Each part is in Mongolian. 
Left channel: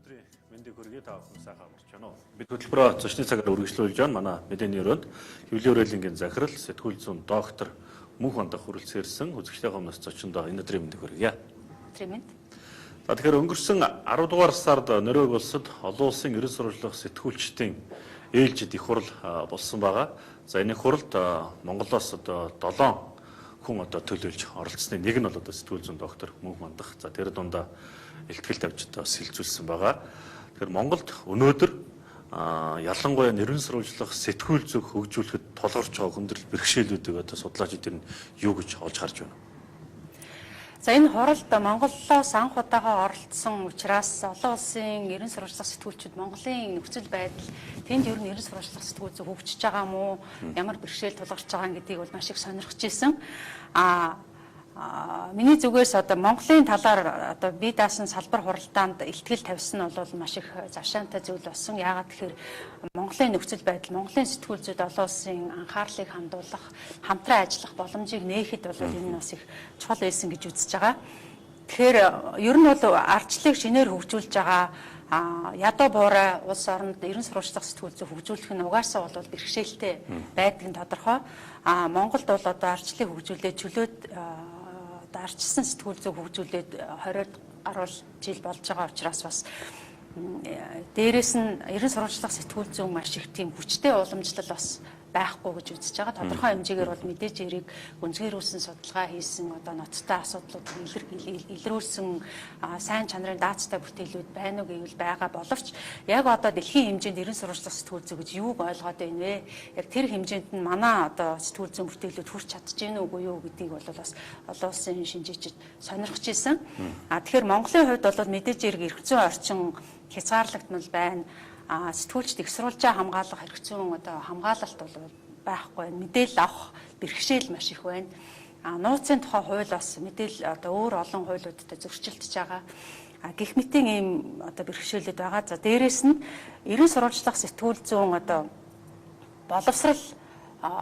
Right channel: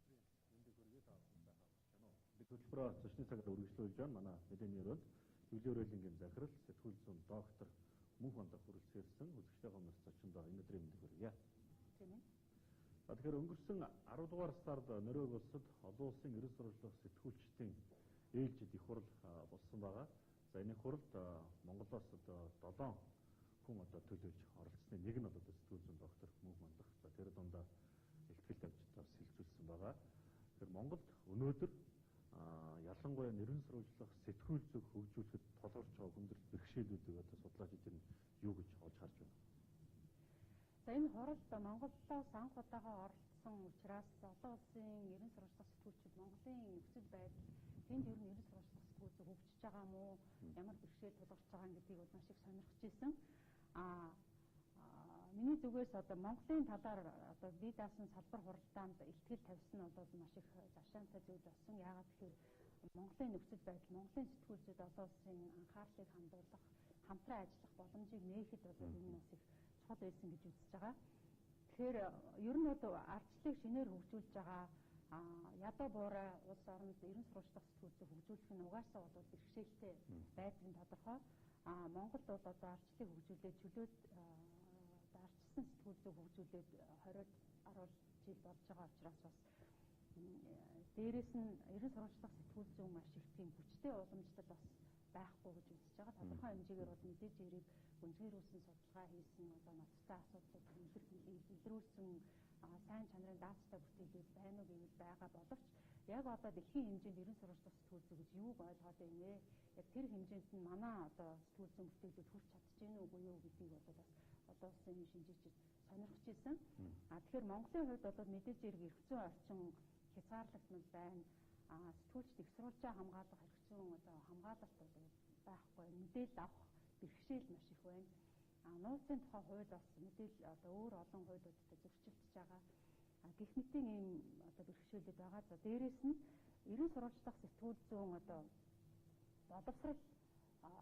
Өнөөдрийн мэндийг хүргэе та бүхэн сайхан амарч байна уу? Бид хөтөлбөрөө зочны цагаар үргэлжлүүлж байна. Манай мэдээний өрөөнд хэвлэлийн хүрээлэнгийн захирал сэтгүүл зүйн доктор Мөнх Бандах хүрэлцээрсэн үзэгчдийн өмнөөс зочиндоо өнөөдрийн мэндийг хүргэе. Тэмээн. За тэгэхээр өнгөрсөн 10 дугаар сард Норвеги улсад олон улсын ерөн сурвалжлах сэтгүүлчдийн ээлжид их хурал болсон байгаа. За энэ хуралд Монголоос одоо 7 хүн төлөөлж оролцсны нэг нь бол сэтгүүл зүйн доктор Мөнх Бандах. За тэр дундаа илтгэл тавьж бас хилцүүлсэн байгаа. Тэгэхээр Монголд өнөөдөр ялангуяа нэрвэн сурвалжлах сэтгүүл зүг хөгжүүлэхэд тулгарч байгаа хүндрэл бэрхшээлүүдийг судлаачид энэ юу гэж олж харж байна. За энэ хуралд Монголоос анх удаага оролцсон учраас олон улсын ерөн сурвалжлах сэтгүүлчид Монголын нөхцөл байдал тэнд ер нь ерөн сурвалжлах сэтгүүл зүг хөгжиж байгаа мó ямар бэрхшээл тулгарч байгаа гэдгийг бол маш их сонирхож ирсэн. Миний зүгээс Монголын талаар бие даасан салбар хуралдаанд илтгэл тавьсан нь бол маш их завшаантай зүйл болсон. Яагаад тэгэхээр Монголын нөхцөл байдал, Монголын сэтгүүл зүйд олон улсын анхаарлыг хандуулах, хамтран ажиллах боломжийг нээхэд бол энэ бас их чухал байсан гэж үзэж байгаа. Тэгэхээр ер нь бол ардчлалыг шинээр хөгжүүлж байгаа ядуу буурай улс оронд ерөн сурвалжлах сэтгүүл зүйг хөгжүүлэх нь угаасаа бол бэрхшээлтэй байдаг нь тодорхой. Монголд бол ардчлалыг хөгжүүлээд чөлөөт арчилсан сэтгүүл зүйг хөгжүүлээд 20 гаруй жил болж байгаа учраас бас дээрээс нь ерөн сурвалжлах сэтгүүл зүйн маш их тийм хүчтэй уламжлал бас байхгүй гэж үзэж байгаа. Тодорхой хэмжээгээр бол мэдээж эрийг гүнзгийрүүлсэн судалгаа хийсэн ноцтой асуудлуудыг илрүүлсэн сайн чанарын даацтай бүтээлүүд байна уу гэвэл байгаа боловч яг дэлхийн хэмжээнд ерөн сурвалжлах сэтгүүл зүй гэж юуг ойлгоод байна вэ? Яг тэр хэмжээнд нь манай сэтгүүл зүйн бүтээлүүд хүрч чадж гэнэ үгүй юу гэдгийг бол бас олон улсын шинжээчид сонирхож ирсэн. Тэгэхээр Монголын хувьд бол мэдээж эрг эрх зүйн орчин хязгаарлагдмал байна. Сэтгүүлчд их сурвалжаа хамгаалах эрх зүйн хамгаалалт бол байхгүй байна. Мэдээлэл авах бэрхшээл маш их байна. Нууцын тухай хууль бас мэдээлэл өөр олон хуулиудад зөрчилдөж байгаа. Гэх мэтийн ийм бэрхшээлүүд байгаа. За дээрэс нь ерөн сурвалжлах сэтгүүл зүйн боловсрал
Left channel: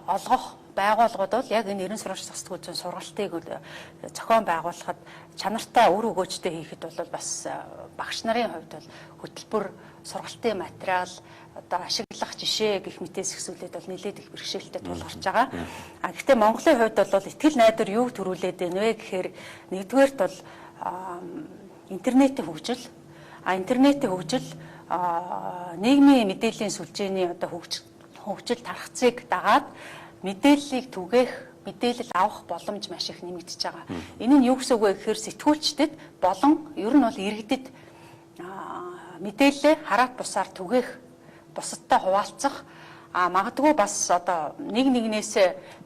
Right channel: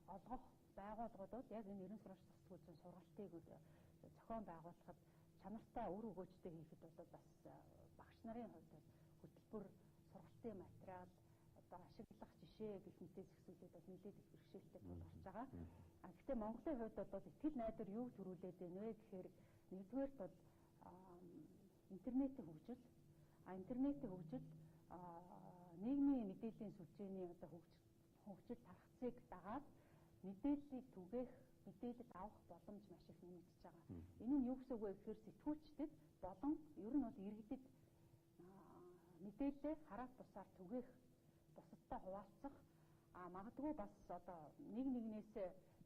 олгох байгууллагууд бол яг энэ ерөн сурвалжлах сэтгүүл зүйн сургалтыг зохион байгуулахад чанартай үр өгөөжтэй хийхэд бол бас багш нарын хувьд бол хөтөлбөр сургалтын материал ашиглах жишээ гэх мэтээс ихсүүлээд бол нэлээд их бэрхшээлтэй тулгарч байгаа. Гэхдээ Монголын хувьд бол итгэл найдвар юуг төрүүлээд байна вэ гэхээр нэгдүгээрт бол интернетийн хөгжил. Интернетийн хөгжил нийгмийн мэдээллийн сүлжээний хөгжил тархацыг дагаад мэдээллийг түгээх, мэдээлэл авах боломж маш их нэмэгдэж байгаа. Энэ нь юу гэсэн үг вэ гэхээр сэтгүүлчдэд болон ер нь бол иргэдэд мэдээлэл хараат бусаар түгээх, бусадтай хуваалцах, магадгүй бас нэг нэгнээс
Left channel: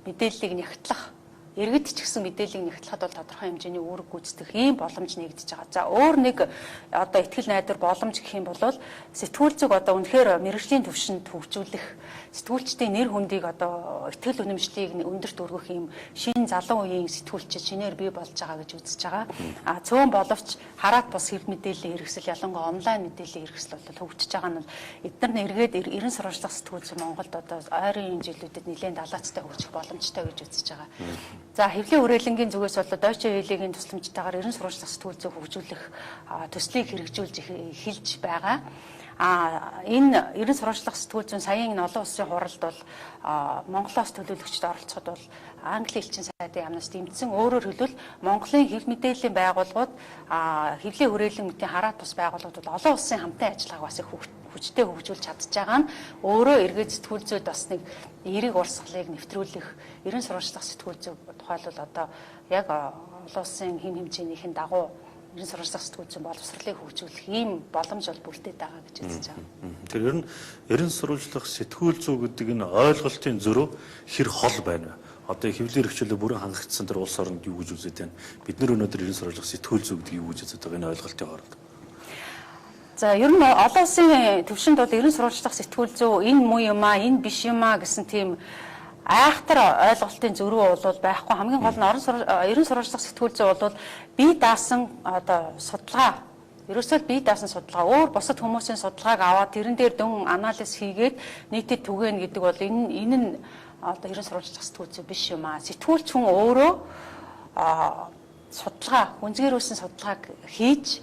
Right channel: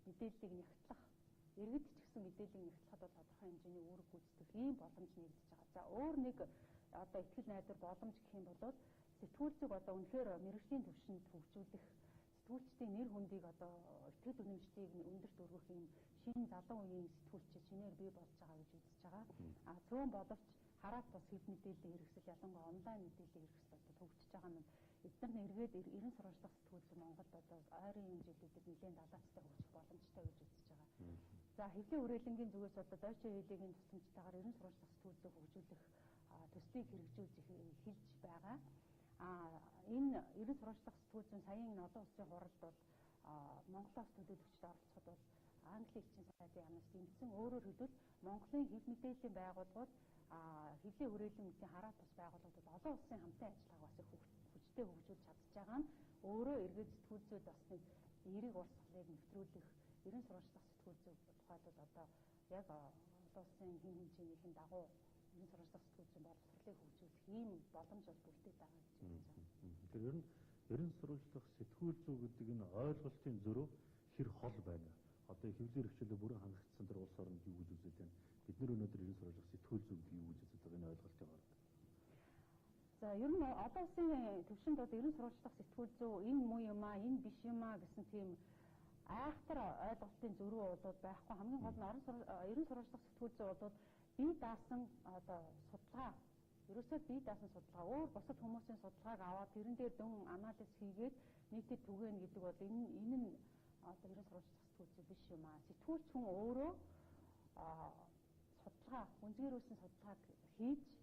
мэдээллийг нягтлах, иргэд ч гэсэн мэдээллийг нягтлахад бол тодорхой хэмжээний үүрэг гүйцэтгэх ийм боломж нэгдэж байгаа. За өөр нэг итгэл найдвар боломж гэх юм бол сэтгүүл зүг үнэхээр мэргэжлийн түвшинд хөгжүүлэх, сэтгүүлчдийн нэр хүндийг итгэл үнэмшлийг өндөрт өргөх юм шинэ залуу үеийн сэтгүүлчид шинээр бий болж байгаа гэж үзэж байгаа. Цөөн боловч хараат бус хэв мэдээллийн хэрэгсэл ялангуяа онлайн мэдээллийн хэрэгсэл бол хөгжиж байгаа нь эдгээр эргээд ерөн сурвалжлах сэтгүүл зүй Монголд ойрын жилүүдэд нэлээд далаацтай хөгжих боломжтой гэж үзэж байгаа. За хэвлэлийн хүрээлэнгийн зүгээс бол Deutsche Welle-ийн тусламжтайгаар ерөн сурвалжлах сэтгүүл зүйг хөгжүүлэх төслийг хэрэгжүүлж эхэлж байгаа. Энэ ерөн сурвалжлах сэтгүүл зүйн саяын олон улсын хуралд бол Монголоос төлөөлөгчд оролцоход бол Англи элчин сайдын яамнаас дэмжсэн. Өөрөөр хэлбэл Монголын хэв мэдээллийн байгууллагууд хэвлэлийн хүрээлэнгүүдийн хараат бус байгууллагууд олон улсын хамтын ажиллагааг бас их хүчтэй хөгжүүлж чадж байгаа нь өөрөө эргээд сэтгүүл зүйд бас нэг эерэг урсгалыг нэвтрүүлэх ерөн сурвалжлах сэтгүүл зүй тухайлбал яг олон улсын хэм хэмжээнийхэн дагуу ерөн сурвалжлах сэтгүүл зүйн боловсролыг хөгжүүлэх ийм боломж бол бүрдээд байгаа гэж үзэж байгаа. Тэр ерөн сурвалжлах сэтгүүл зүй гэдэг энэ ойлголтын зөрүү хэр хол байна вэ? Хэвлэлийн эрхчлөлөөр бүрэн хангагдсан тэр улс оронд юу гэж үзээд байна? Бид нар өнөөдөр ерөн сурвалжлах сэтгүүл зүй гэдэг юу гэж үзээд байгаа энэ ойлголтын хооронд. За ер нь олон улсын төвшөнд бол ерөн сурвалжлах сэтгүүл зүй энэ муу юм аа, энэ биш юм аа гэсэн тийм айхтар ойлголтын зөрүү бол байхгүй. Хамгийн гол нь ерөн сурвалжлах сэтгүүл зүй бол бие даасан судалгаа, ерөөсөө бие даасан судалгаа, өөр бусад хүмүүсийн судалгааг аваад тэрэн дээр дүн анализ хийгээд нийтэд түгээнэ гэдэг бол энэ нь ерөн сурвалжлах сэтгүүл зүй биш юм аа. Сэтгүүлч хүн өөрөө судалгаа, гүнзгийрүүлсэн судалгааг хийж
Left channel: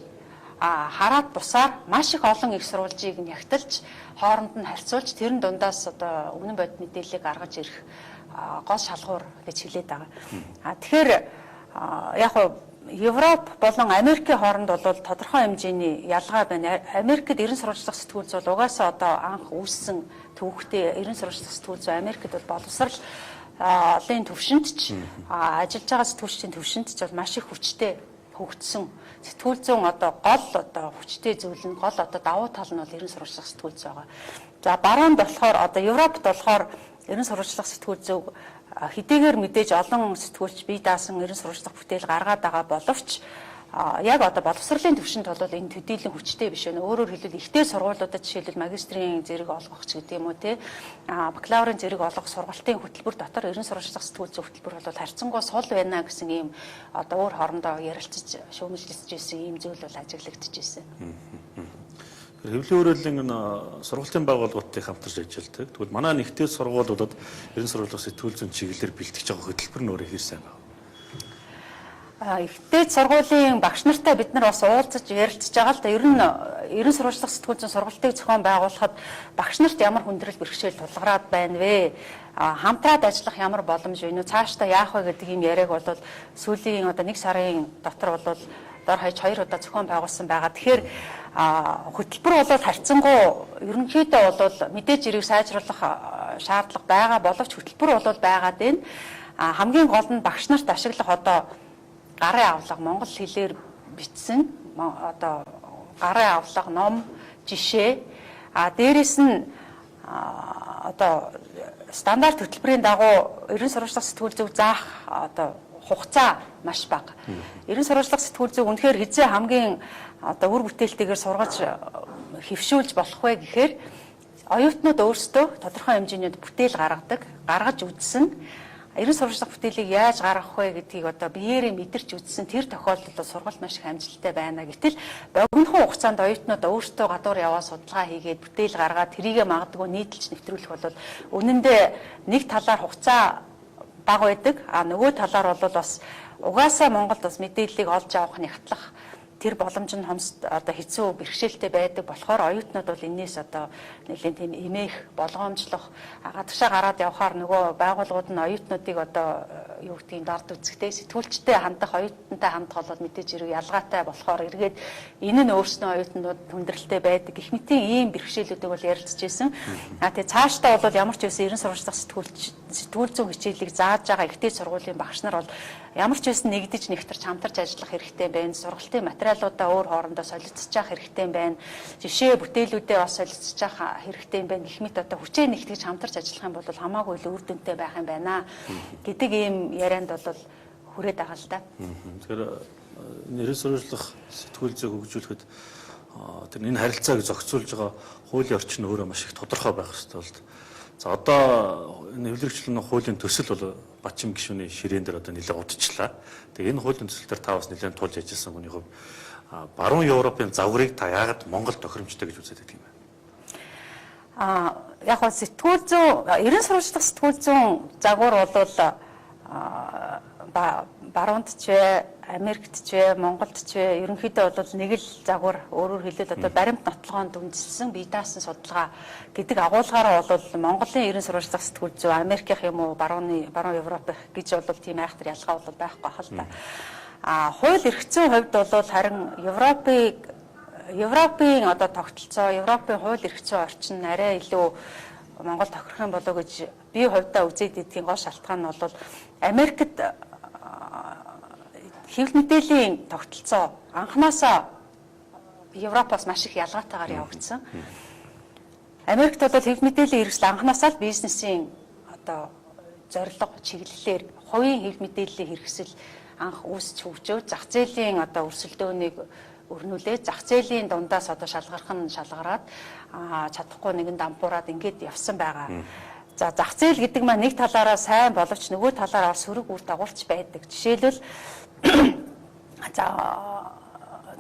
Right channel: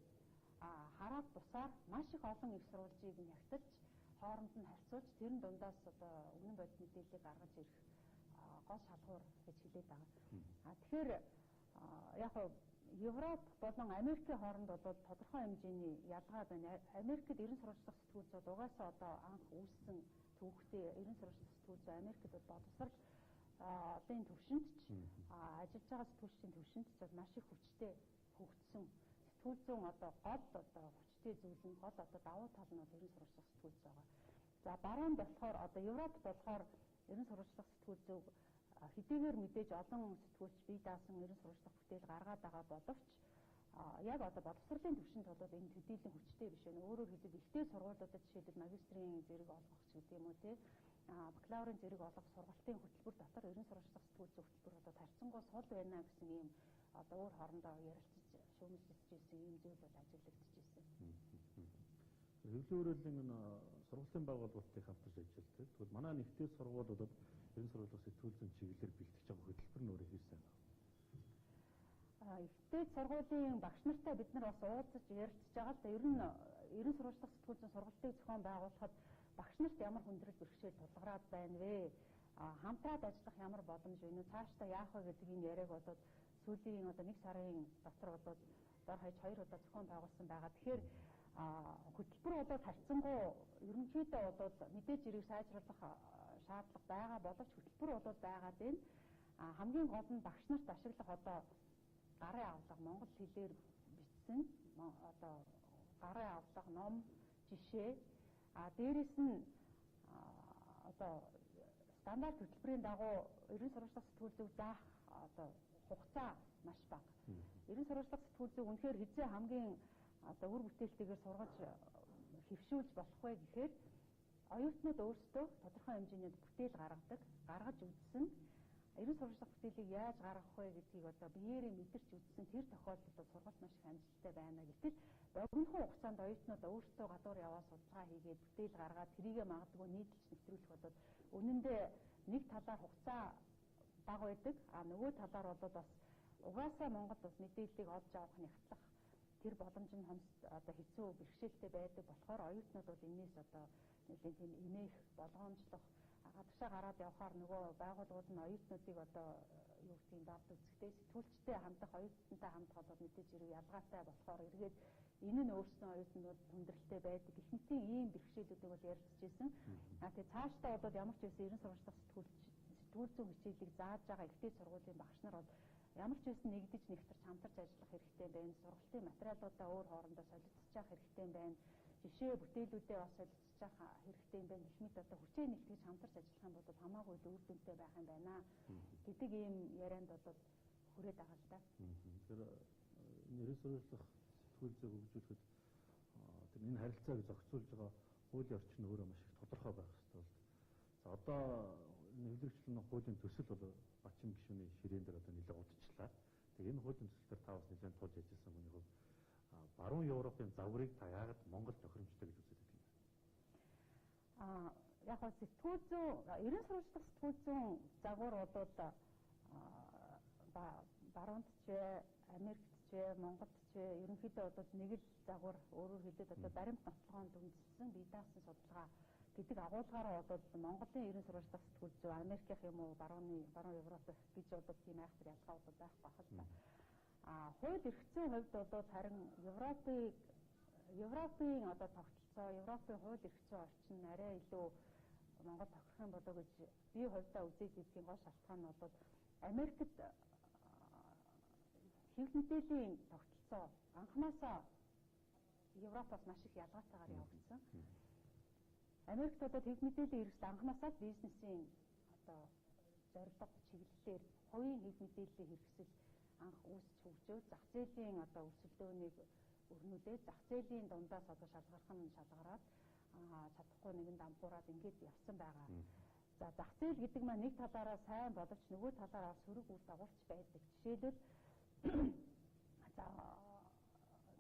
хараад бусаар маш их олон их сурвалжийг нягтлж хооронд нь харьцуулж тэрэн дундаас одоо үнэн бодит мэдээллийг гаргаж ирэх гол шалгуур гэж хэлээд байгаа. Тэгэхээр яг нь Европ болон Америкийн хооронд бол тодорхой хэмжээний ялгаа байна. Америкт ерөн сурвалжлах сэтгүүлч бол угаасаа одоо анх үүссэн төвхтэй ерөн сурвалжлах сэтгүүлч Америкт бол боловсролын төвшөнд ч ажиллаж байгаа сэтгүүлчдийн төвшөнд ч бол маш их хүчтэй хөгжсөн. Сэтгүүл зүүн одоо гол хүчтэй зүйл нь гол давуу тал нь бол ерөн сурвалжлах сэтгүүлч байгаа. За баруунд болохоор одоо Европт болохоор ерөн сурвалжлах сэтгүүл зүүн хэдийгээр мэдээж олон сэтгүүлч бие даасан ерөн сурвалжлах бүтээл гаргаад байгаа боловч яг одоо боловсролын төвшөнд бол энэ төдийлөн хүчтэй биш байна. Өөрөөр хэлбэл ихтэй сургуулиудад жишээлбэл магистрийн зэрэг олгох ч гэдэг юм уу те бакалаврын зэрэг олгох сургалтын хөтөлбөр дотор ерөн сурвалжлах сэтгүүл зүйн хөтөлбөр бол харьцангуй сул байна гэсэн ийм одоо өөр хоорондоо ярилцаж шүүмжлэсэж ирсэн ийм зүйл бол ажиглагдаж ирсэн. Хэвлэлийн өрөөллийн сургалтын байгууллагуудтай хамтарч ажилладаг. Тэгвэл манай нэгдэл сургуулиудад ерөн сурвалжлах сэтгүүл зүйн чиглэлээр бэлтгэж байгаа хөтөлбөр нь өөрөө хийсэн байна. Ихтэй сургуулийн багш нартай бид нар бас уулзаж ярилцж байгаа л да. Ер нь ерөн сурвалжлах сэтгүүл зүйн сургалтыг зохион байгуулахад багш нарт ямар хүндрэл бэрхшээл тулгараад байна вэ? Хамтраад ажиллах ямар боломж вэ? Цаашдаа яах вэ гэдэг ийм яриаг бол сүүлийн одоо 1 сарын дотор бол дор хаяж 2 удаа зохион байгуулсан байгаа. Тэгэхээр хөтөлбөр бол харьцангуй ерөнхийдөө бол мэдээж зэрэг сайжруулах шаардлага байгаа боловч хөтөлбөр бол байгаад байна. Хамгийн гол нь багш нарт ашиглах одоо гарын авлага монгол хэлээр бичсэн одоо гарын авлага ном жишээ дээрэс нь одоо стандарт хөтөлбөрийн дагуу ерөн сурвалжлах сэтгүүл зүйн заах одоо хугацаа маш бага. Ерөн сурвалжлах сэтгүүл зүйн үнэхээр хизээ хамгийн одоо үр бүтээлтэйгээр сургаж хэвшүүлж болох вэ гэхээр оюутнууд өөрсдөө тодорхой хэмжээний бүтээл гаргаж үзсэн. Ерөн сурвалжлах бүтээлийг яаж гаргах вэ гэдгийг одоо биеэрээ мэдэрч үзсэн тэр тохиолдолд сургалт маш их амжилттай байна. Гэтэл богинохон хугацаанд оюутнууд өөрсдөө гадуур яваа судалгаа хийгээд бүтээл гаргаад тэрийгэ магадгүй нийтэлж нэвтрүүлэх бол үнэндээ нэг талаар хугацаа бага байдаг. Нөгөө талаар бол бас угаасаа Монголд бас мэдээллийг олж авах нягтлах тэр боломж нь одоо хэцүү бэрхшээлтэй байдаг болохоор оюутнууд бол энээс одоо нэлийн тийм эмээх болгоомжлох гадагшаа гараад явхаар нөгөө байгууллагууд нь оюутнуудыг одоо юу гэдгийг дорд үзэхтэй сэтгүүлчтэй хандах оюутантай хандах бол мэдээж хэрэг ялгаатай болохоор эргээд энэ нь өөрснөө оюутнууд хүндрэлтэй байдаг гэх мэтийн ийм бэрхшээлүүдийг бол ярилцж байсан. Тэгээ цаашдаа бол ямар ч байсан ерөн сурвалжлах сэтгүүл зүйн хичээлийг зааж байгаа ихтэй сургуулийн багш нар бол ямар ч байсан нэгдэж нэгтэрч хамтарч ажиллах хэрэгтэй байна. Сургалтын материалуудаа өөр хоорондоо солилцож явах хэрэгтэй байна. Жишээ бүтээлүүдээ бас солилцож явах хэрэгтэй байна. Гэх мэт одоо хүчээ нэгтгэж хамтарч ажиллах юм бол хамаагүй л үр дүнтэй байх юм байна гэдэг ийм ярианд бол хүрээд байгаа л да. Тэгэхээр ерөн сурвалжлах сэтгүүл зүйг хөгжүүлэхэд тэр энэ харилцааг зохицуулж байгаа хуулийн орчин өөрөө маш их тодорхой байх хэрэгтэй бол. За одоо энэ хэвлэгчлэн хуулийн төсөл бол Батчин гишүүний ширээн дээр одоо нэлээд удажчлаа. Тэгээ энэ хуулийн төсөл дээр та бас нэлээд тулж ажилласан хүний хувьд баруун Европын загварыг та яагаад Монгол тохиромжтой гэж үзээд байдаг юм бэ? Яг нь сэтгүүл зүйн ерөн сурвалжлах сэтгүүл зүйн загвар бол баруунд ч вэ, Америкт ч вэ, Монголд ч вэ ерөнхийдөө бол нэг л загвар өөрөөр хэлбэл одоо баримт нотлогоонд үндэслэн бие даасан судалгаа гэдэг агуулгаараа бол Монголын ерөн сурвалжлах сэтгүүл зүйн Америкийнх юм уу баруун Европ гэж бол тийм айхтар ялгаа бол байхгүй хэл та. Хууль эрх зүйн хувьд бол харин Европын одоо тогтолцоо, Европын хууль эрх зүйн орчин арай илүү Монгол тохирох юм болоо гэж би хувьдаа үзээд идэх гол шалтгаан нь бол Америкт хэвлэл мэдээллийн тогтолцоо анханасаа Европоос маш их ялгаатайгаар явагдсан. Америкт бол хэвлэл мэдээллийн хэрэгсэл анханасаа л бизнесийн одоо зорилго чиглэлээр хувийн хэвлэл мэдээллийн хэрэгсэл анх үүсч хөгжөөд зах зээлийн одоо өрсөлдөөнийг өрнүүлээд зах зээлийн дундаас одоо шалгархан шалгараад чадахгүй нэгэн дампуураад ингээд явсан байгаа. За зах зээл гэдэг маань нэг талаараа сайн боловч нөгөө талаараа сөрөг үр дагуулч байдаг. Жишээлбэл за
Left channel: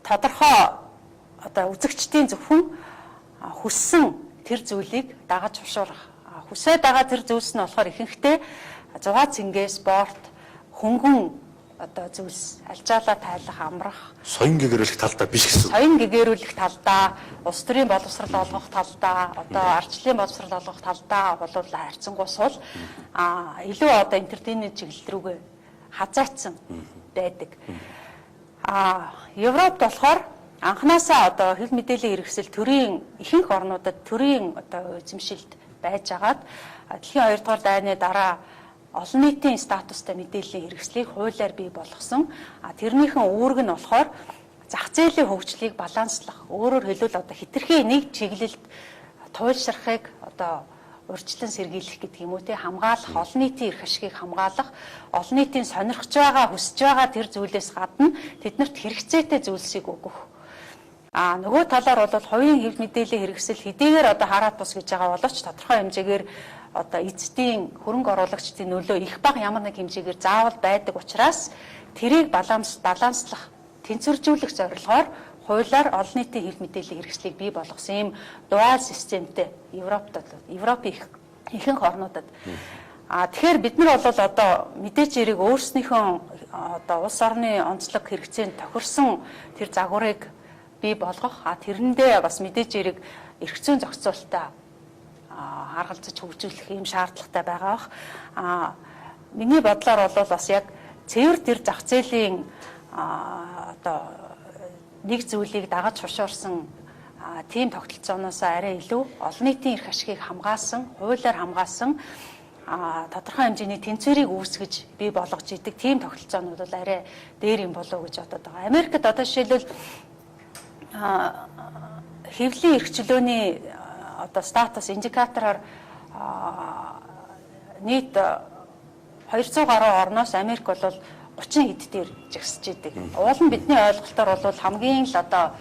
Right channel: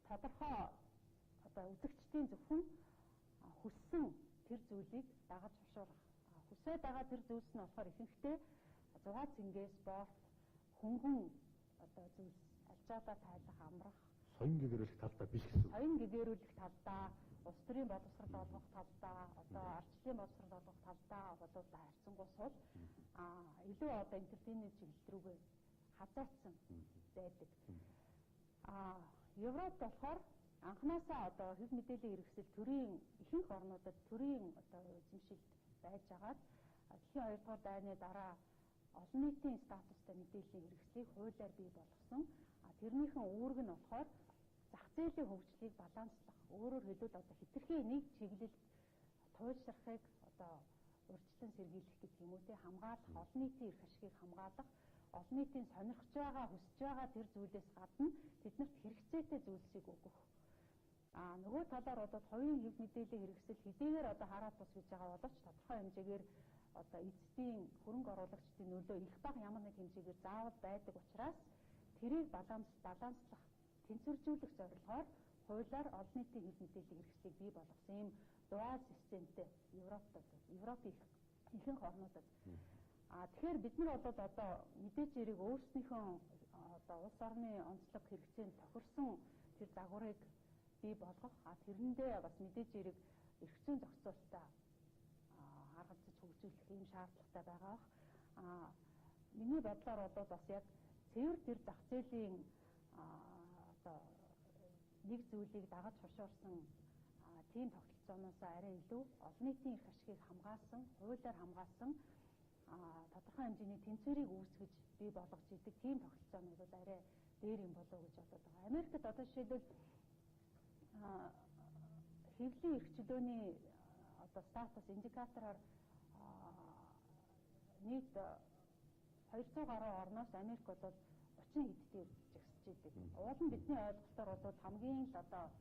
тодорхой одоо үзэгчдийн зөвхөн хүссэн тэр зүйлийг дагаж хушуурах. Хүсээ дагаа тэр зүйлс нь болохоор ихэнхдээ зугаа цэнгээ спорт, хөнгөн одоо зүйлс альжаалаа тайлах, амрах, Соён гэгэрүүлэх талдаа биш гэсэн. соён гэгэрүүлэх талдаа, улс төрийн боловсрол олгох талдаа, одоо ардчлалын боловсрол олгох талдаа бол харьцангуй сул илүү одоо энтертейнмент чиглэл рүүгээ хазаацсан байдаг. Европт болохоор анханасаа одоо хэв мэдээллийн хэрэгсэл төрийн ихэнх орнуудад төрийн одоо эзэмшилд байж агаад дэлхийн 2 дугаар дайны дараа олон нийтийн статустай мэдээллийн хэрэгслийг хуулиар бий болгосон. Тэрнийхэн үүрэг нь болохоор зах зээлийн хөгжлийг баланслах. Өөрөөр хэлбэл одоо хэтэрхий нэг чиглэлд туйлшрахыг одоо урьдчилан сэргийлэх гэдэг юм уу те, хамгаалах, олон нийтийн эрх ашигыг хамгаалах, олон нийтийн сонирхож байгаа, хүсэж байгаа тэр зүйлээс гадна тэднэрт хэрэгцээтэй зүйлсийг өгөх. Нөгөө талаар бол хувийн хэв мэдээллийн хэрэгсэл хэдийгээр одоо хараат бус гэж байгаа боловч тодорхой хэмжээгээр одоо эзэдийн хөрөнгө оруулагчдын нөлөө их бага ямар нэг хэмжээгээр заавал байдаг учраас тэрийг баланслах, тэнцвэржүүлэх зорилгоор хуулиар олон нийтийн хэв мэдээллийн хэрэгслийг бий болгосон юм дуал системтэй Европын ихэнх орнуудад. Тэгэхээр бид нар бол одоо мэдээж хэрэг өөрснийхөө одоо улс орны онцлог хэрэгцээнд тохирсон тэр загварыг бий болгох, тэрэндээ бас мэдээж хэрэг эрх зүйн зохицуулалтаа харгалзаж хөгжүүлэх юм шаардлагатай байгаа бах. Миний бодлоор бол бас яг цэвэр тэр зах зээлийн одоо нэг зүйлийг дагаж хушуурсан тийм тогтолцооноос арай илүү олон нийтийн эрх ашигыг хамгаалсан, хуулиар хамгаалсан тодорхой хэмжээний тэнцвэрийг үүсгэж бий болгож идэг тийм тогтолцоонууд бол арай дээр юм болов уу гэж бодод байгаа. Америкт одоо жишээлбэл хэвлийн эрх чөлөөний одоо статус индикатороор нийт 200 гаруй орноос Америк бол 30 хэд дээр жигсэж идэг. Уул нь бидний ойлголтоор бол хамгийн л одоо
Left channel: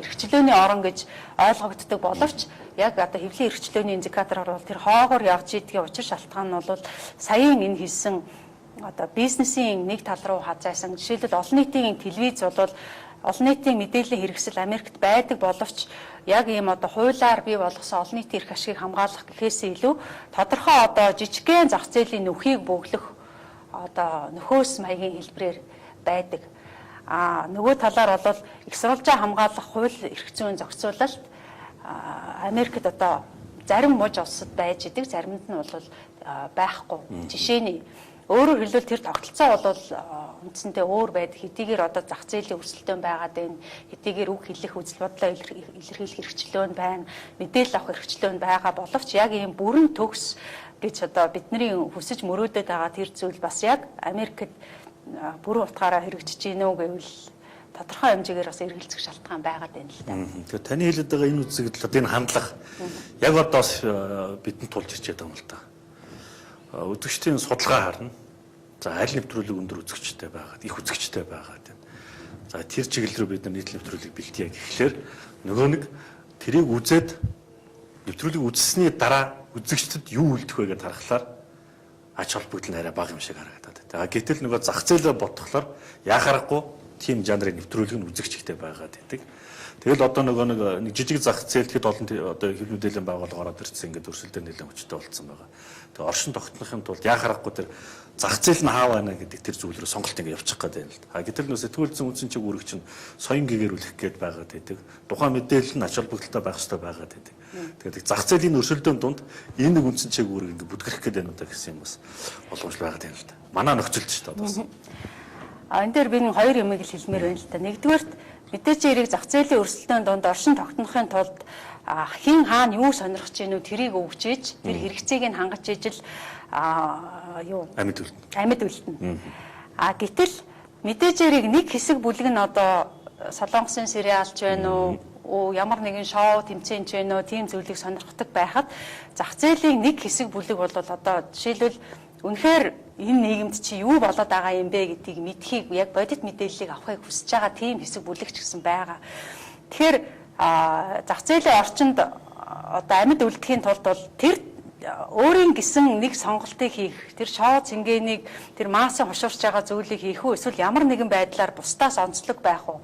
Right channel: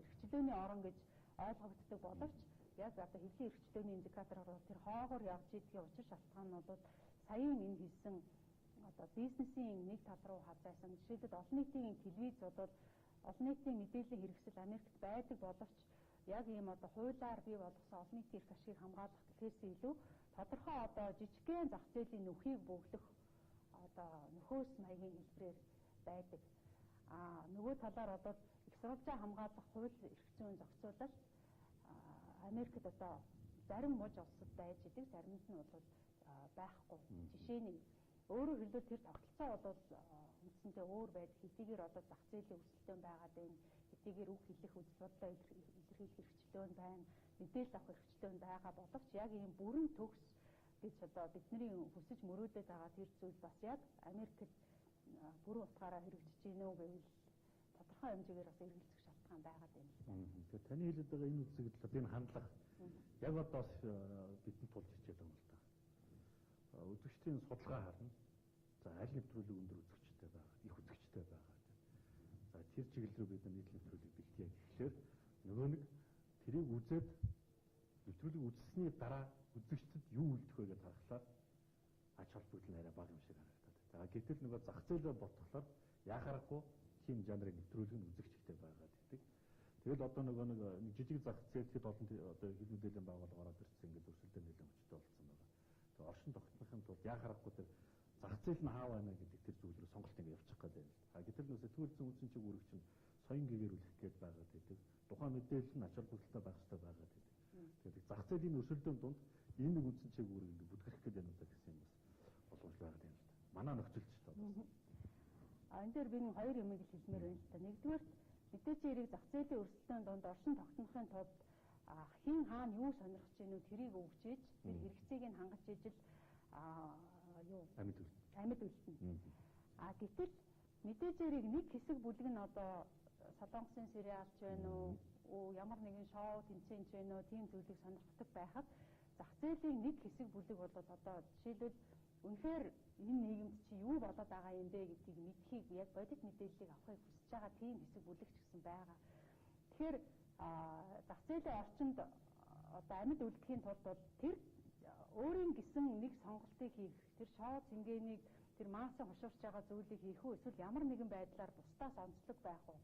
эрхчлөөний орон гэж ойлгогддог боловч яг одоо хэвлийн эрхчлөөний индикатороор бол тэр хоогоор явж идгийн учир шалтгаан нь бол саяын энэ хэлсэн одоо бизнесийн нэг тал руу хазаасан. Жишээлбэл олон нийтийн телевиз бол олон нийтийн мэдээллийн хэрэгсэл Америкт байдаг боловч яг ийм одоо хуулиар бий болгосон олон нийтийн эрх ашигыг хамгаалах гэхээсээ илүү тодорхой одоо жижигхэн зах зээлийн нөхийг бөглөх одоо нөхөөс маягийн хэлбэрээр байдаг. Нөгөө талаар бол их сурвалжаа хамгаалах хууль эрх зүйн зохицуулалт Америкт одоо зарим муж улсад байж идэг, заримд нь бол байхгүй. Жишээний өөрөөр хэлбэл тэр тогтолцоо бол үндсэндээ өөр байдаг. Хэдийгээр одоо зах зээлийн өрсөлдөөн байгаад байна. Хэдийгээр үг хэлэх, үзэл бодлоо илэрхийлэх хэрэгчлөө байна. Мэдээлэл авах хэрэгчлөө байгаа боловч яг ийм бүрэн төгс гэж одоо бидний хүсэж мөрөөдөд байгаа тэр зүйл бас яг Америкт бүрэн утгаараа хэрэгжиж гинэ үү гэвэл тодорхой хэмжээгээр бас эргэлзэх шалтгаан байгаад байна л да. Тэгэхээр таны хэлээд байгаа энэ үзэгдэл одоо энэ хандлага яг одоо бидэнд тулж ирчээд байгаа юм л да. Үзэгчдийн судалгаа харна. За аль нэвтрүүлэг өндөр үзэгчтэй байгаад, их үзэгчтэй байгаад байна. За тэр чиглэл рүү бид нар нийт нэвтрүүлэг бэлтгийе гэхлээр нөгөө нэг тэрийг үзээд нэвтрүүлэг үзсний дараа үзэгчдэд юу үлдэх вэ гэдээ харахаар ач холбогдол нь арай бага юм шиг харагдаад байна. Гэтэл нөгөө зах зээлээ бодхолоор яхахгүй тийм жанрын нэвтрүүлэг нь үзэгч ихтэй байгаад байдаг. Тэгэл одоо нөгөө нэг жижиг зах зээл хэд олон одоо хэв мэдээллийн байгууллага ороод ирсэн ингээд өрсөлдөөн нэлээд хүчтэй болцсон байгаа. Тэгээ оршин тогтнохын тулд яхахгүй тэр зах зээл нь хаа байна гэдэг тэр зүйл рүү сонголт ингээд явчих гээд байна л да. Гэтэл нөө сэтгүүлзэн үндсэн чиг үүрэг чинь соён гэгэрүүлэх гээд байгаад байдаг. Тухайн мэдээлэл нь ач холбогдолтой байх хэрэгтэй байгаад байдаг. Тэгээд зах зээлийн өрсөлдөөн дунд энэ нэг үндсэн чиг үүрэг ингээд бүтгэх гээд байна удаа гэсэн юм бас боломжтой байгаад байна л да. Манай нөхцөлд ч та бас. Энэ дээр би нэг хоёр юмыг л хэлмээр байна л да. Нэгдүгээрт мэдээж хэрэг зах зээлийн өрсөлдөөн донд оршин тогтнохын тулд хин хаана юу сонирхож гинүү тэрийг өгч ийж тэр хэрэгцээг нь хангаж ижил юу амьд үлдэнэ. Гэтэл мэдээж хэрэг нэг хэсэг бүлэг нь одоо солонгосын сериалч байна уу ямар нэгэн шоу тэмцээнч байна уу тийм зүйлийг сонирхдаг байхад зах зээлийн нэг хэсэг бүлэг бол одоо жишээлбэл үнэхээр энэ нийгэмд чи юу болоод байгаа юм бэ гэдгийг мэдхийг яг бодит мэдээллийг авахыг хүсэж байгаа тийм хэсэг бүлэг ч гэсэн байгаа. Тэгэхээр зах зээлийн орчинд одоо амьд үлдэхийн тулд бол тэр өөрийн гисэн нэг сонголтыг хийх, тэр шоу цэнгэнийг тэр массын хушуурч байгаа зүйлийг хийх үү эсвэл ямар нэгэн байдлаар бусдаас онцлог байх уу?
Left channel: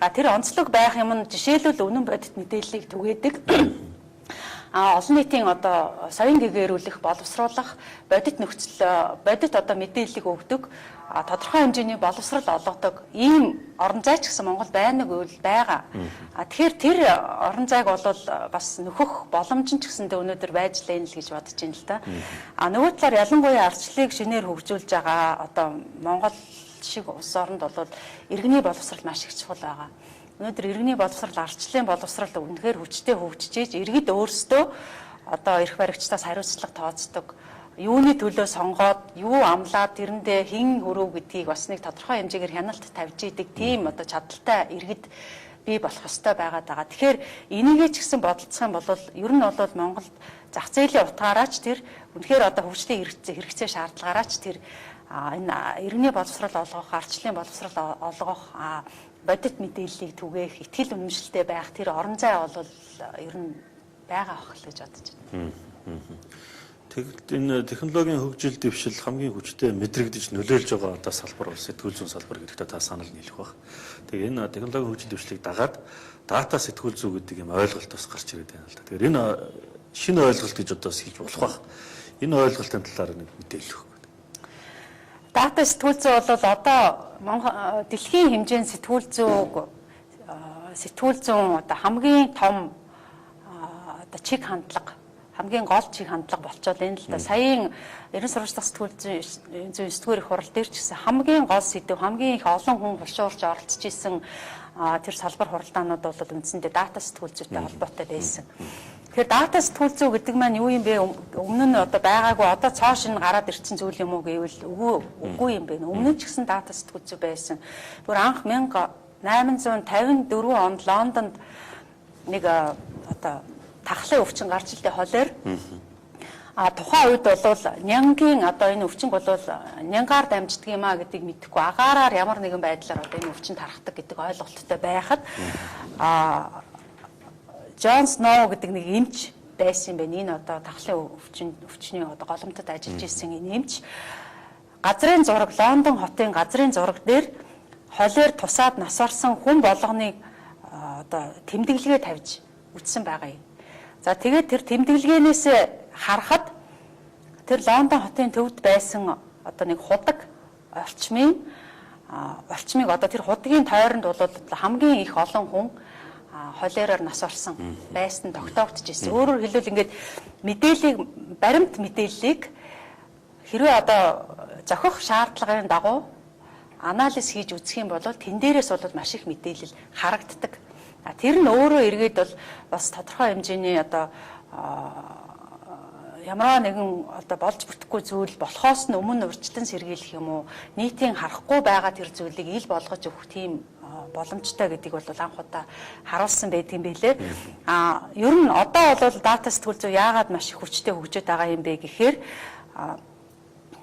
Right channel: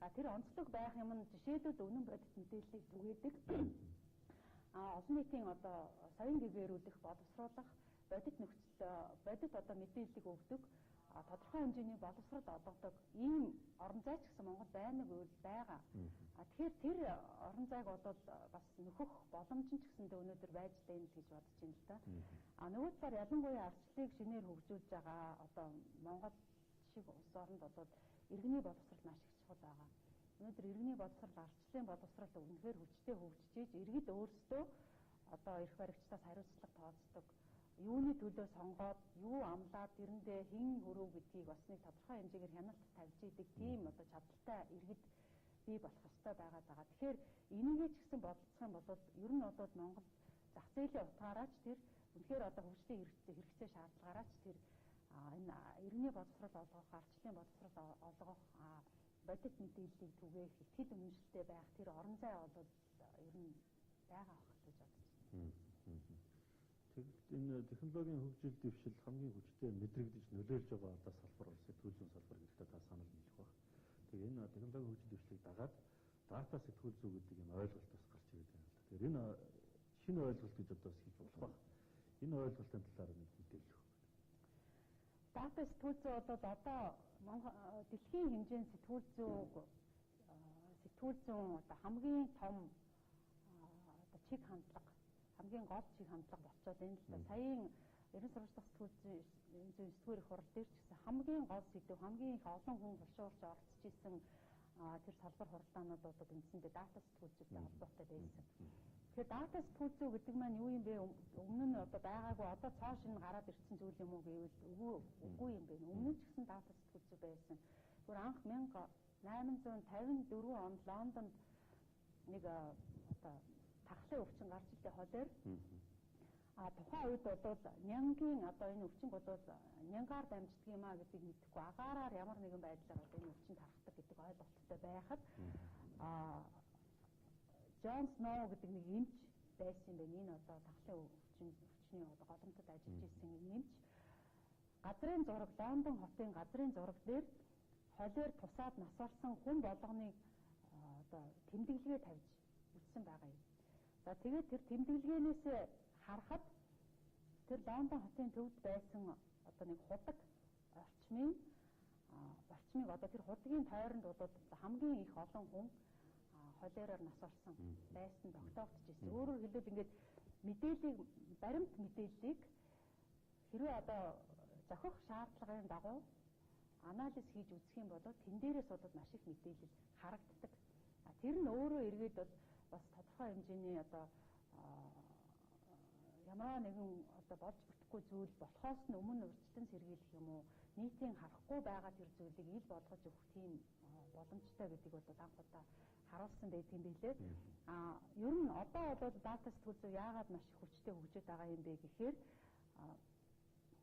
Тэр онцлог байх юм нь жишээлбэл үнэн бодит мэдээллийг түгээдэг. олон нийтийн одоо соён гэгээрүүлэх, боловсруулах, бодит одоо мэдээллийг өгдөг, тодорхой хэмжээний боловсрал олгодог ийм орон зай ч гэсэн Монгол байна уу гэвэл байгаа. Тэгэхээр тэр орон зайг бол бас нөхөх боломж нь ч гэсэндээ өнөөдөр байж лээ л гэж бодож байна л да. Нөгөө талаар ялангуяа ардчлалыг шинээр хөгжүүлж байгаа одоо Монгол шиг улс оронд бол иргэний боловсрал маш их чухал байгаа. Өнөөдөр иргэний боловсрал, ардчлалын боловсрал үнэхээр хүчтэй хөгжиж ийж иргэд өөрсдөө одоо эрх баригчдаас хариуцлага тооцдог. Юуны төлөө сонгоод, юу амлаад тэрэндээ хэн хөрөв гэдгийг бас нэг тодорхой хэмжээгээр хяналт тавьж идэг тийм одоо чадaltaй иргэд бий болох ёстой байгаад байгаа. Тэгэхээр энийгээ ч гэсэн бодолцох юм бол ер нь бол Монголд зах зээлийн утгаараач тэр үнэхээр одоо хөгжлийн хэрэгцээ шаардлагаараач тэр энэ иргэний боловсрал олгох, ардчлалын боловсрал олгох, бодит мэдээллийг түгээх, ихтгэл үнэмшилтэй байх тэр орон зай бол ер нь байгаа ах л гэж бодож байна. Тэгэхдээ энэ технологийн хөгжил дэвшил хамгийн хүчтэй мэдрэгдэж нөлөөлж байгаа одоо салбар бол сэтгүүл зүйн салбар гэдэгт та санал нийлэх баг. Тэгээ энэ технологийн хөгжил дэвшлийг дагаад дата сэтгүүл зүй гэдэг юм ойлголт бас гарч ирээд байна л да. Тэгэхээр энэ шинэ ойлголт гэж одоо хэлж болох баг. Энэ ойлголтын талаар нэг мэдээлэл өгөх. Дата сэтгүүл зүй бол одоо дэлхийн хэмжээнд сэтгүүл зүйн одоо хамгийн том одоо чиг хандлага, хамгийн гол чиг хандлага болчиход энэ л да. Саяын ерөн сурвалжлах сэтгүүл зүйн 9-р их хурал дээр ч гэсэн хамгийн гол сэдв, хамгийн их олон хүн хулшуурж оролцож исэн тэр салбар хуралдаанууд бол үндсэндээ дата сэтгүүл зүйтэй холбоотой байсан. Тэгэхээр дата сэтгүүл зүй гэдэг маань юу юм бэ? Өмнө нь одоо байгаагүй одоо цоошин гараад ирсэн зүйл юм уу гэвэл үгүй юм бэ. Өмнө нь ч гэсэн дата сэтгүүл зүй байсан. Бүр анх 1854 онд Лондонд нэг одоо тахлын өвчин гарч илтээ холоор тухайн үед бол нянгийн одоо энэ өвчин бол нянгаар дамждаг юм а гэдгийг мэдэхгүй агаараар ямар нэгэн байдлаар одоо энэ өвчин тархдаг гэдэг ойлголттой байхад Джон Сноу гэдэг нэг эмч байсан юм байна. Энэ одоо тахлын өвчний одоо голомтод ажиллаж исэн энэ эмч газрын зураг, Лондон хотын газрын зураг дээр холоор тусаад нас орсон хүн болгоныг одоо тэмдэглэгээ тавьж үтсэн байгаа юм. За тэгээд тэр тэмдэглэгээнээс харахад тэр Лондон хотын төвд байсан одоо нэг худаг орчмыг одоо тэр худгийн тойронд бол хамгийн их олон хүн холероор нас орсон байсан тогтоогдож ирсэн. Өөрөөр хэлбэл ингээд мэдээллийг, баримт мэдээллийг хэрвээ одоо зохих шаардлагын дагуу анализ хийж үзэх юм бол тэн дээрээс бол маш их мэдээлэл харагддаг. Тэр нь өөрөө эргээд бол бас тодорхой хэмжээний одоо ямар нэгэн одоо болж бүтэхгүй зүйл болохоос нь өмнө урьдчилан сэргийлэх юм уу, нийтийн харахгүй байгаа тэр зүйлийг ил болгож өгөх тийм боломжтой гэдгийг бол анх удаа харуулсан байдгийн байлээ. Ер нь одоо бол дата сэтгүүл зүй яагаад маш их хүчтэй хөгжиж байгаа юм бэ гэхээр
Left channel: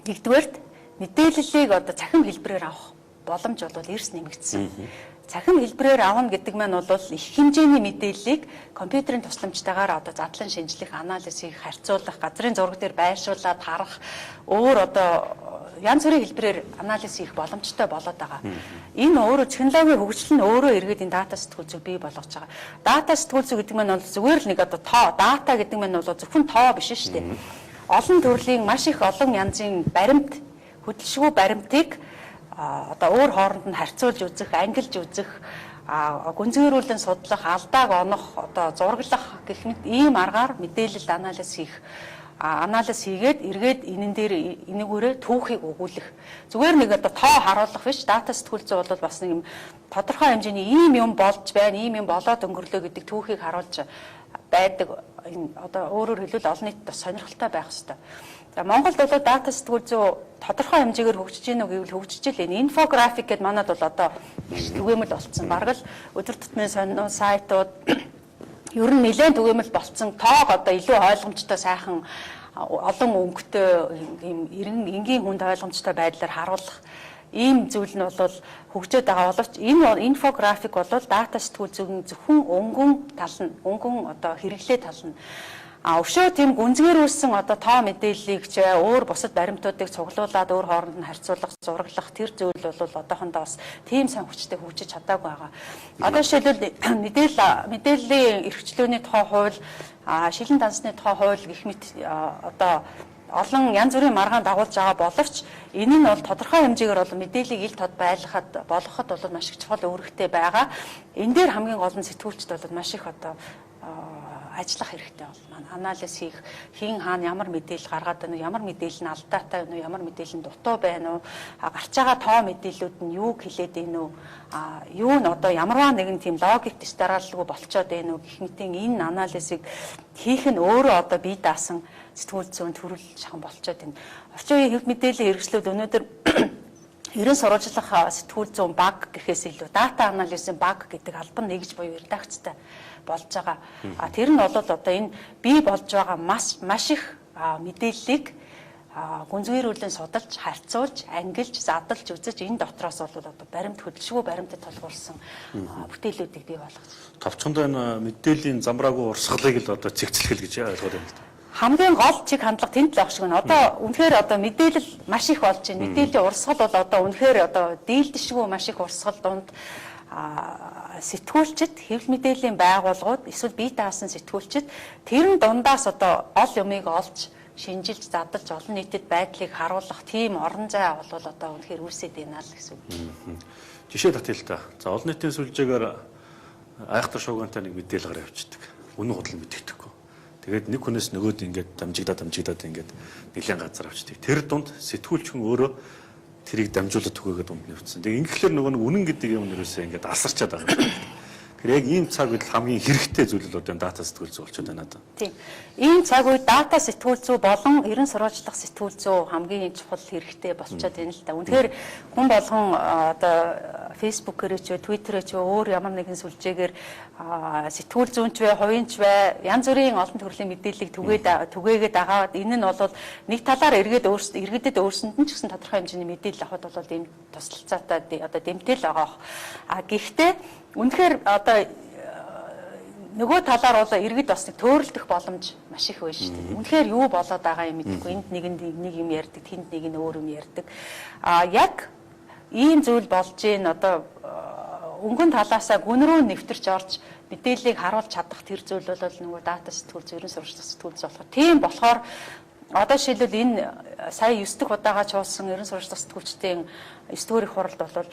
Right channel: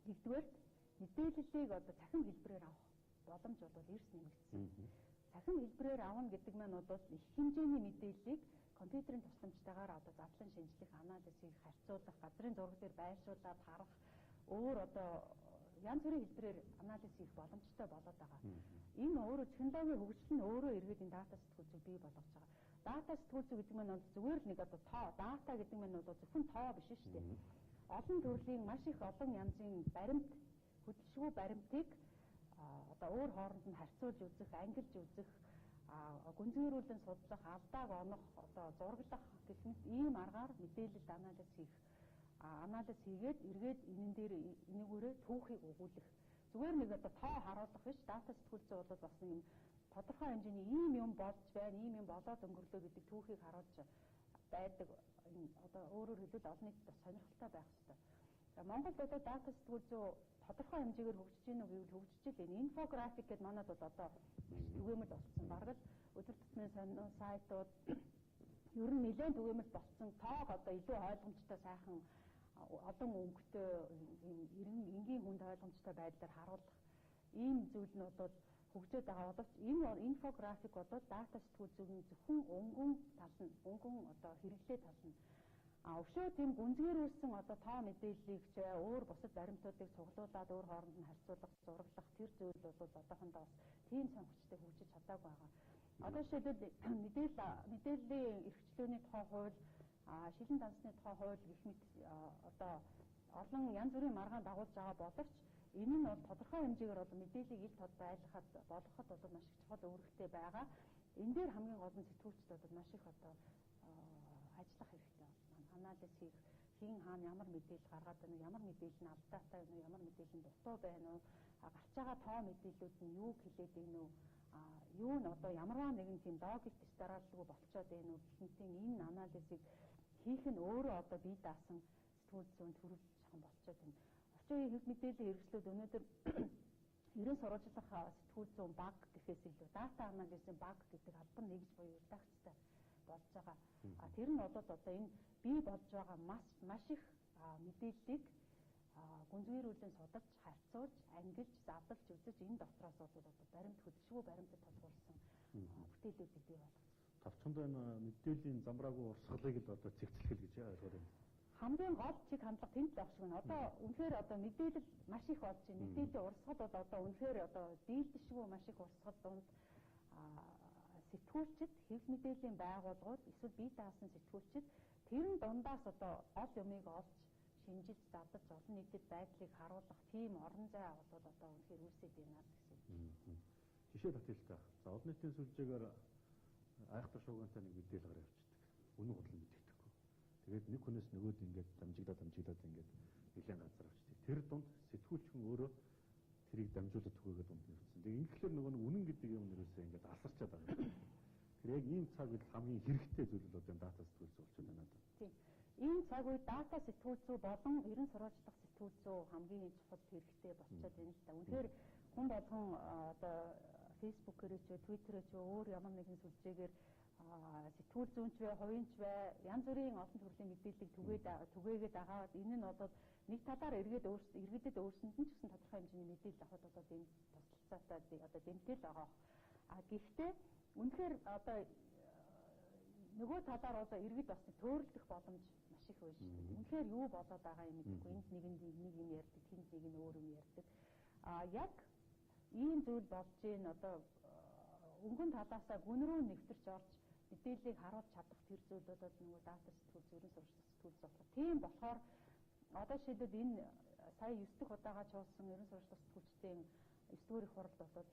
нэгдүгээрт мэдээллийг одоо цахим хэлбэрээр авах боломж бол эрс нэмэгдсэн. Цахим хэлбэрээр авна гэдэг маань бол их хэмжээний мэдээллийг компьютерийн тусламжтайгаар одоо задлан шинжлэх, анализ хийх, харьцуулах, газрын зураг дээр байршуулад харах, өөр одоо янз бүрийн хэлбэрээр анализ хийх боломжтой болоод байгаа. Энэ өөрөө технологийн хөгжил нь өөрөө эргээд энэ дата сэтгүүл зүй бий болгож байгаа. Дата сэтгүүл зүй гэдэг маань бол зүгээр л нэг одоо тоо, дата гэдэг маань бол зөвхөн тоо биш шүү дээ. Олон төрлийн маш их олон янзын баримт, хөдөлшгүй баримтыг одоо өөр хооронд нь харьцуулж үзэх, ангилж үзэх, гүнзгийрүүлэн судлах, алдааг онох, одоо зураглах гэх мэт ийм аргаар мэдээлэл анализ хийгээд эргээд энэн дээр энэгүүрээ түүхийг өгүүлэх. Зүгээр нэг одоо тоо харуулах биш, дата сэтгүүл зүй бол бас нэг юм тодорхой хэмжээний ийм юм болж байна, ийм юм болоод өнгөрлөө гэдэг түүхийг харуулж байдаг. Энэ одоо өөрөөр хэлбэл олон нийтэд бас сонирхолтой байх ёстой. За Монголд бол дата сэтгүүл зүй тодорхой хэмжээгээр хөгжиж гинэ үү гэвэл хөгжиж л энэ инфографик гэдэг манад бол одоо түгээмэл болцсон. Бараг л өдөр тутмын сонин сайтууд ер нь нэлээд түгээмэл болцсон. Тоог одоо илүү ойлгомжтой сайхан олон өнгөтэй ийм энгийн хүнд ойлгомжтой байдлаар харуулах ийм зүйл нь бол хөгжөөд байгаа боловч энэ инфографик бол дата сэтгүүл зүйн зөвхөн өнгөн тал нь, өнгөн одоо хэрэглээ тал нь Өшөө тийм гүнзгийрүүлсэн одоо тоо мэдээллийг ч өөр бусад баримтуудыг цуглуулад өөр хооронд нь харьцуулах, зураглах тэр зүйл бол одоохондоо бас тийм сайн хүчтэй хөгжиж чадаагүй байгаа. Одоо жишээлбэл мэдээллийн эрхчлөөний тухай хууль, шилэн дансны тухай хууль гэх мэт одоо олон янз бүрийн маргаан дагуулж байгаа боловч энэ нь бол тодорхой хэмжээгээр бол мэдээллийг ил тод байлгахад болгоход бол маш их чухал үүрэгтэй байгаа. Энэ дээр хамгийн гол нь сэтгүүлчд бол маш их одоо ажиллах хэрэгтэй бол маань анализ хийх, хэн хаана ямар мэдээлэл гаргаад байна уу, ямар мэдээлэл нь алдаатай байна уу, ямар мэдээлэл нь дутуу байна уу, гарч байгаа тоо мэдээллүүд нь юу хэлээд байна уу, юу нь одоо ямарваа нэгэн тийм логик дэс дараалалгүй болцоод байна уу гэх мэтийн энэ анализыг хийх нь өөрөө одоо бие даасан сэтгүүл зүйн төрөл шахан болцоод байна. Орчин үеийн хэв мэдээллийн хэрэгслүүд өнөөдөр ерөн сурвалжлах сэтгүүл зүйн баг гэхээс илүү дата анализын баг гэдэг албан нэгж буюу редакцтай болж байгаа. Тэр нь бол одоо энэ бий болж байгаа маш их мэдээллийг гүнзгийрүүлэн судалж, харьцуулж, ангилж, задлж үзэж энэ дотроос бол одоо баримт хөдөлшгүй баримтад толгуурсан бүтээлүүдийг бий болгож. Товчхондоо энэ мэдээллийн замбраагүй урсгалыг л одоо цэгцлэх гэж ойлгоод байна л да. Хамгийн гол чиг хандлага тэнд л авах шиг байна. Одоо үнэхээр одоо мэдээлэл маш их болж байна. Мэдээллийн урсгал бол одоо үнэхээр одоо дийлдэшгүй маш их урсгал донд сэтгүүлчид, хэвлэл мэдээллийн байгууллагууд эсвэл бие даасан сэтгүүлчид тэрэн дундаас одоо гол юмыг олж, шинжилж, задлж олон нийтэд байдлыг харуулах тийм орон зай бол одоо үнэхээр үүсээд байна л гэсэн үг. Жишээ татъя л та. За олон нийтийн сүлжээгээр айхтар шуугантай нэг мэдээлэл гараа явчихдаг. Үнэн худал мэдэгдэхгүй. Тэгээд нэг хүнээс нөгөөд ингээд дамжигдаад ингээд нэлээд газар авчдаг. Тэр дунд сэтгүүлч хүн өөрөө тэрийг дамжуулаад түгээгээд дунд нэвцсэн. Тэгээд ингэхлээр нөгөө үнэн гэдэг юм нэрээсээ ингээд асарчаад байгаа юм. Тэгэхээр яг ийм цаг үед хамгийн хэрэгтэй зүйл бол одоо дата сэтгүүл зүй болчиход байна даа. Тийм. Ийм цаг үед дата сэтгүүл зүй болон ерөн сурвалжлах сэтгүүл зүй хамгийн чухал хэрэгтэй болчиход байна л да. Үнэхээр хүн болгон одоо фэйсбүүкээр ч твиттерээр ч өөр ямар нэгэн сүлжээгээр сэтгүүл зүйнч бай, хувийнч бай, янз бүрийн олон төрлийн мэдээллийг түгээгээд агаад энэ нь бол нэг талаар иргэдэд өөрсөнд нь ч гэсэн тодорхой хэмжээний мэдээлэл авахд бол ийм туслалцаатай одоо дэмтэл байгаа. Гэхдээ үнэхээр одоо нөгөө талаар бол иргэд бас төөрөлдөх боломж маш их байна шүү дээ. Үнэхээр юу болоод байгаа юм мэдэхгүй. Энд нэг юм ярьдаг, тэнд нэг нь өөр юм ярьдаг. Яг ийм зүйл болж ийн одоо өнгөн талаасаа гүн рүү нэвтэрч орж мэдээллийг харуулж чадах тэр зүйл бол нөгөө дата сэтгүүл зүй, ерөн сурвалжлах сэтгүүл зүй болох. Тийм болохоор одоо жишээлбэл энэ сая 9 дахь удаага чуулсан ерөн сурвалжлах сэтгүүлчдийн 9 дугаар их хуралд бол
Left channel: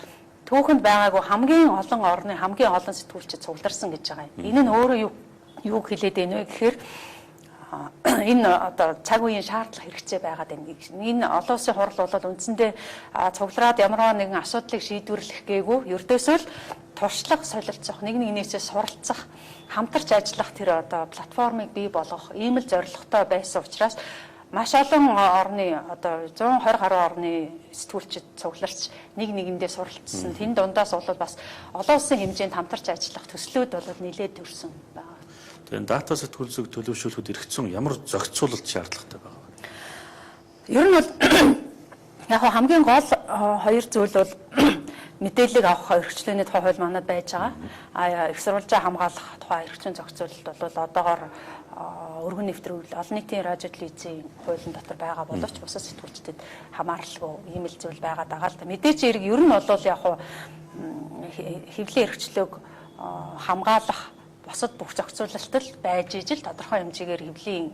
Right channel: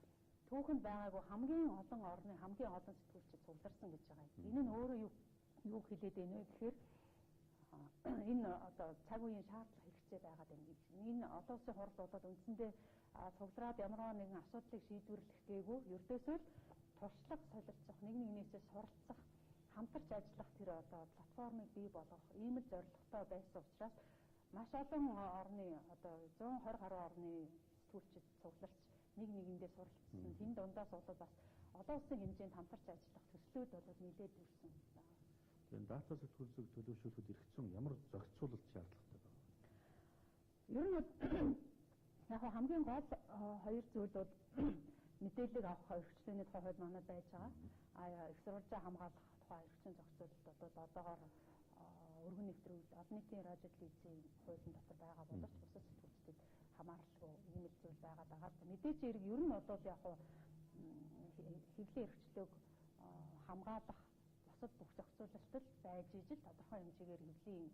түүхэнд байгаагүй хамгийн олон орны хамгийн олон сэтгүүлчид цугларсан гэж байгаа юм. Энэ нь өөрөө юу хэлээд байна вэ гэхээр энэ одоо цаг үеийн шаардлага хэрэгцээ байгаад байна. Энэ олон улсын хурал бол үндсэндээ цуглараад ямарваа нэгэн асуудлыг шийдвэрлэх гээгүй ердөөсөө л туршлага солилцох, нэг нэгнээсээ суралцах, хамтарч ажиллах тэр одоо платформыг бий болгох ийм л зорилготой байсан учраас маш олон орны одоо 120 гаруй орны сэтгүүлчид цугларч нэг нэгэндээ суралцсан. Тэн дундаас бол бас олон улсын хэмжээнд хамтарч ажиллах төслүүд бол нэлээд төрсөн байна. Тэгээд дата сэтгүүл зүйг төлөвшүүлэхэд эргэцэн ямар зохицуулалт шаардлагатай байгаа вэ? Ер нь бол яг хамгийн гол хоёр зүйл бол мэдээллийг авах эрхчлөөний тухай хууль манад байж байгаа. Их сурвалжаа хамгаалах тухай эрхчлэн зохицуулалт бол одоогоор өргөн нэвтрүүл олон нийтийн радио телевизийн хуулийн дотор байгаа боловч бусад сэтгүүлчдэд хамааралгүй ийм л зүйл байгаад байгаа л да. Мэдээж хэрэг ер нь бол яг хэвлэлийн эрхчлөөг хамгаалах бусад бүх зохицуулалтад байж ижил тодорхой хэмжээгээр хэвлэлийн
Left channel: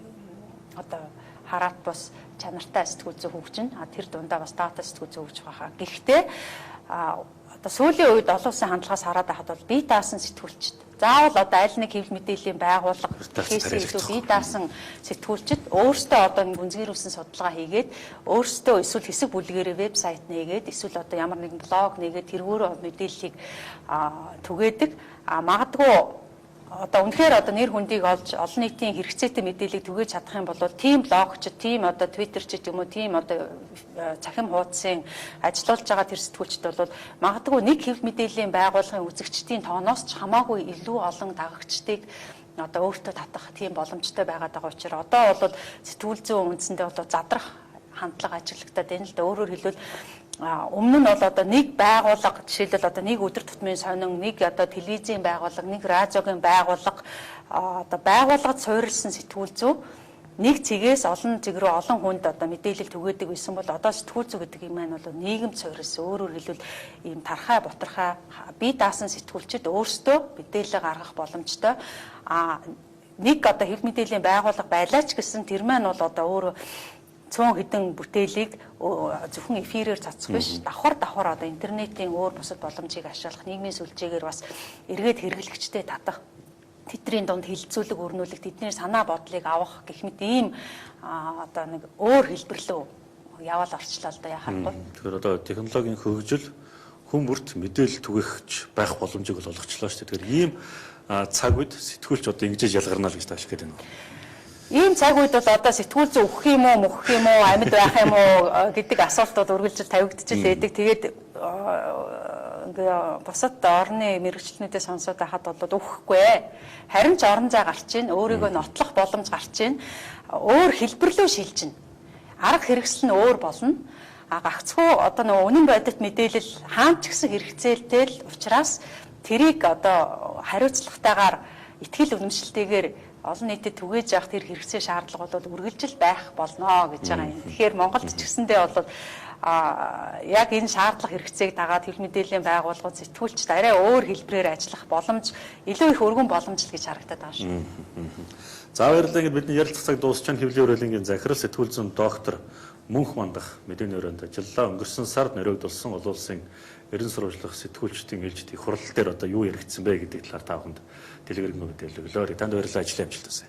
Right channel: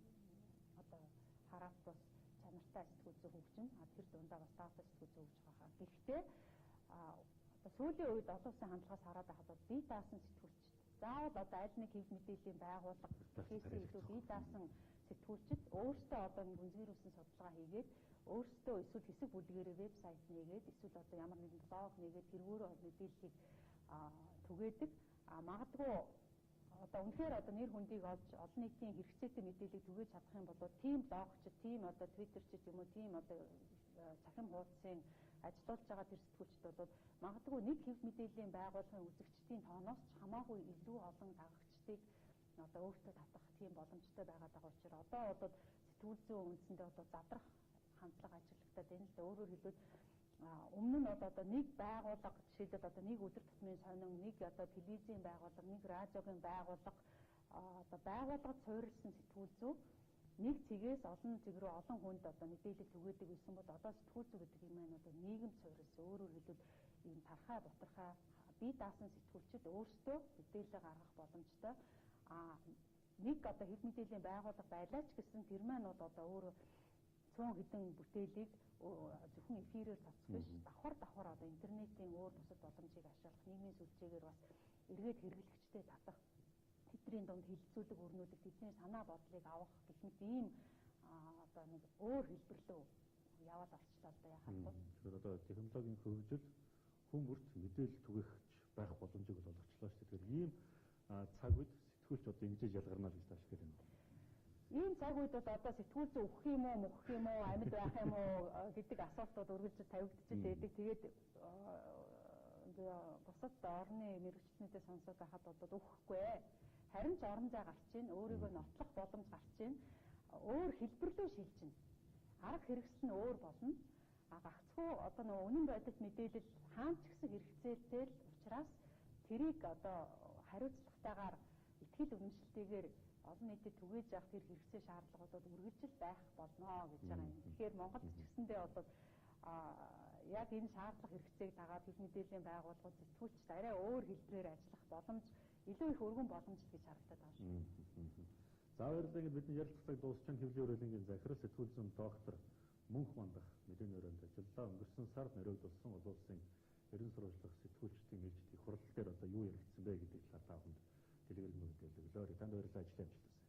одоо хараат бус чанартай сэтгүүл зүй хөгжинэ. Тэр дундаа бас дата сэтгүүл зүй хөгжих байхаа. Гэхдээ одоо сүүлийн үед олон улсын хандлагаас хараад байхад бол бие даасан сэтгүүлчд заавал одоо аль нэг хэвлэл мэдээллийн байгууллага хийсэн илүү бие даасан сэтгүүлчд өөрсдөө одоо гүнзгийрүүлсэн судалгаа хийгээд өөрсдөө эсвэл хэсэг бүлгээрээ вебсайт нээгээд эсвэл одоо ямар нэгэн блог нээгээд тэргүүрөө мэдээллийг түгээдэг. Магадгүй одоо үнэхээр одоо нэр хүндийг олж олон нийтийн хэрэгцээтэй мэдээллийг түгээж чадах юм бол тийм блогч, тийм одоо твиттерч юм уу, тийм одоо цахим хуудсын ажиллаулж байгаа тэр сэтгүүлчд бол магадгүй нэг хэвлэл мэдээллийн байгууллагын үзэгчдийн тооноос ч хамаагүй илүү олон дагагчдыг одоо өөртөө татах тийм боломжтой байгаад байгаа учраас одоо бол сэтгүүл зүйн үндсэндээ одоо задрах хандлага ажиглагдаад байна л да. Өөрөөр хэлбэл Өмнө нь бол одоо нэг байгууллага, жишээлбэл одоо нэг өдөр тутмын сонин, нэг одоо телевизийн байгууллага, нэг радиогийн байгууллага, одоо байгууллагад суурилсан сэтгүүл зүй нэг цэгээс олон цэг рүү олон хүнд одоо мэдээлэл түгээдэг байсан бол одоо сэтгүүл зүй гэдэг юм маань бол нийгэмд суурилсан. Өөрөөр хэлбэл ийм тархай, бутархай бие даасан сэтгүүлчид өөрсдөө мэдээлэл гаргах боломжтой. Нэг одоо хэв мэдээллийн байгууллага байлаач гэсэн тэр маань бол одоо өөрөө цөөн хэдэн бүтээлийг зөвхөн эфирээр цацах биш, давхар одоо интернетийн өөр бусад боломжийг ашиглах, нийгмийн сүлжээгээр бас эргээд хэрэглэгчтэй татах, тэдний дунд хилцүүлэг өрнүүлэх, тэдний санаа бодлыг авах гэх мэт ийм одоо нэг өөр хэлбэр рүү яваал орчлоо л да яхахгүй. Тэгэхээр одоо технологийн хөгжил хүн бүрт мэдээлэл түгэхч байх боломжийг бол олгочлоо шүү дээ. Тэгэхээр ийм цаг үед сэтгүүлч одоо ингэж ялгарна л гэж тааш гээд байна. Ийм цаг үед бол одоо сэтгүүл зүй өгөх юм уу, мөхөх юм уу, амьд байх юм уу гэдэг асуултууд үргэлжлэл тавигдчихл байдаг. Тэгээд бусад орны мэрэгчлэнүүдээ сонсоод байхад бол өгөхгүй. Харин ч орон зай гарч ийн, өөрийгөө нотлох боломж гарч ийн, өөр хэлбэрлөө шилжиж байна. Арга хэрэгсэл нь өөр болно. Гагцхүү одоо нөгөө үнэн бодит мэдээлэл хаан ч гэсэн хэрэгцээтэй л учраас тэрийг одоо хариуцлагатайгаар итгэл үнэмшилтэйгээр олон нийтэд түгээж явах тэр хэрэгцээ шаардлага бол үргэлжил байх болно гэж байгаа юм. Тэгэхээр Монголд ч гэсэндээ бол яг энэ шаардлага хэрэгцээг дагаад хэв мэдээллийн байгууллагууд сэтгүүлчд арай өөр хэлбэрээр ажиллах боломж, илүү их өргөн боломж л гэж харагдаад байгаа шүү. За баярлалаа. Ингээд бидний ярилцах цаг дуусч хэвлэлийн урайлангийн захирал сэтгүүл зүйн доктор Мөнх Мандах мэдээний өрөөнд ажиллаа. Өнгөрсөн сард нэрвэгдүүлсэн олон улсын эрен сурвалжлах сэтгүүлчдийн ээлжид их хурал дээр одоо юу яригдсан бэ гэдэг талаар та бүхэнд дэлгэрэнгүй мэдээлэл өглөө. Танд баярлалаа. Ажлын амжилт хүсье.